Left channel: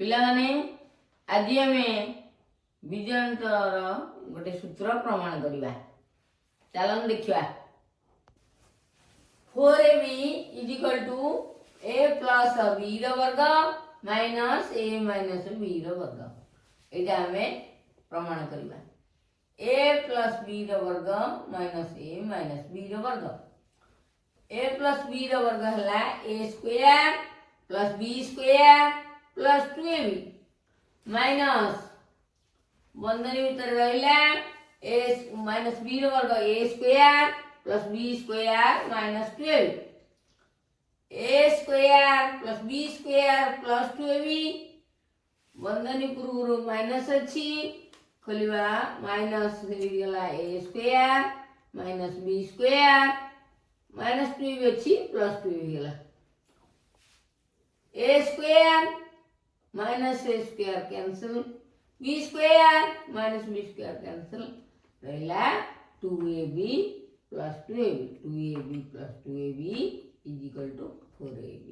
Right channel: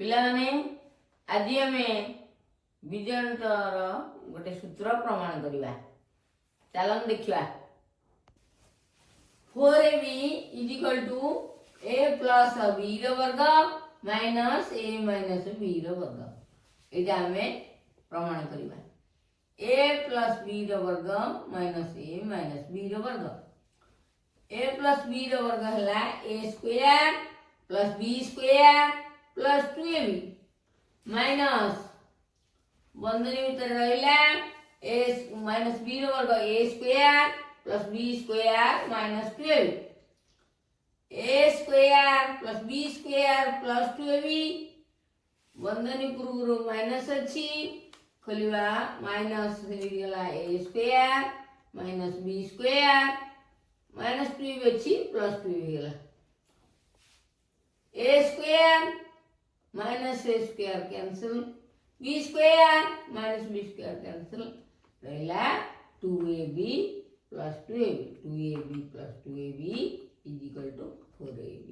ପିଲାମାନେ ଆଜି ଆମେ ବୀଜଗଣିତର ଗୋଟେ ସୂତ୍ର ପ୍ରମାଣ କରିବା। ଚାଲନ୍ତୁ ଦେଖିବା। 4ab = a plus b ର ବର୍ଗ minus a minus b ର ବର୍ଗ। ଏଇଟା ଆମେ ପ୍ରମାଣ କରିବା। a plus b ର ବର୍ଗ minus a minus b ର ବର୍ଗ। a plus b ର ବର୍ଗ ହେଲା a square plus b square plus 2ab minus बंधनी भीतर रहिला a minus b रो वर्ग a square plus b square minus 12 a square plus b square plus 2ab बंधनी पूर्व minus अच्छी खोलिबा माइनस गला a square minus b square minus 2ab अच्छी plus 2ab गला a square minus a square cancel b square minus b square cancel रहिला 2ab plus 2ab 2ab plus 2ab is equal to 4ab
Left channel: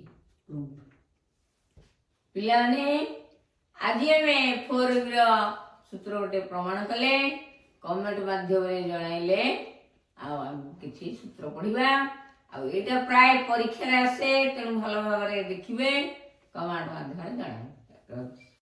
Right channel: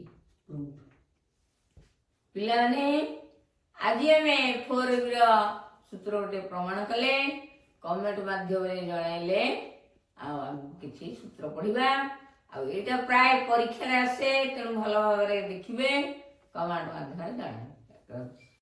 proved। पिलाने आज हमें 4ab रो सूत्र गोटे प्रमाण कले कमेंट माध्यम जणाइले आ किछि सूत्र पढ़िबा आ एटा प्राय परीक्षा रे आसे तेणु भलो भाबरे देखिबे कमेंट माध्यम जणाइले।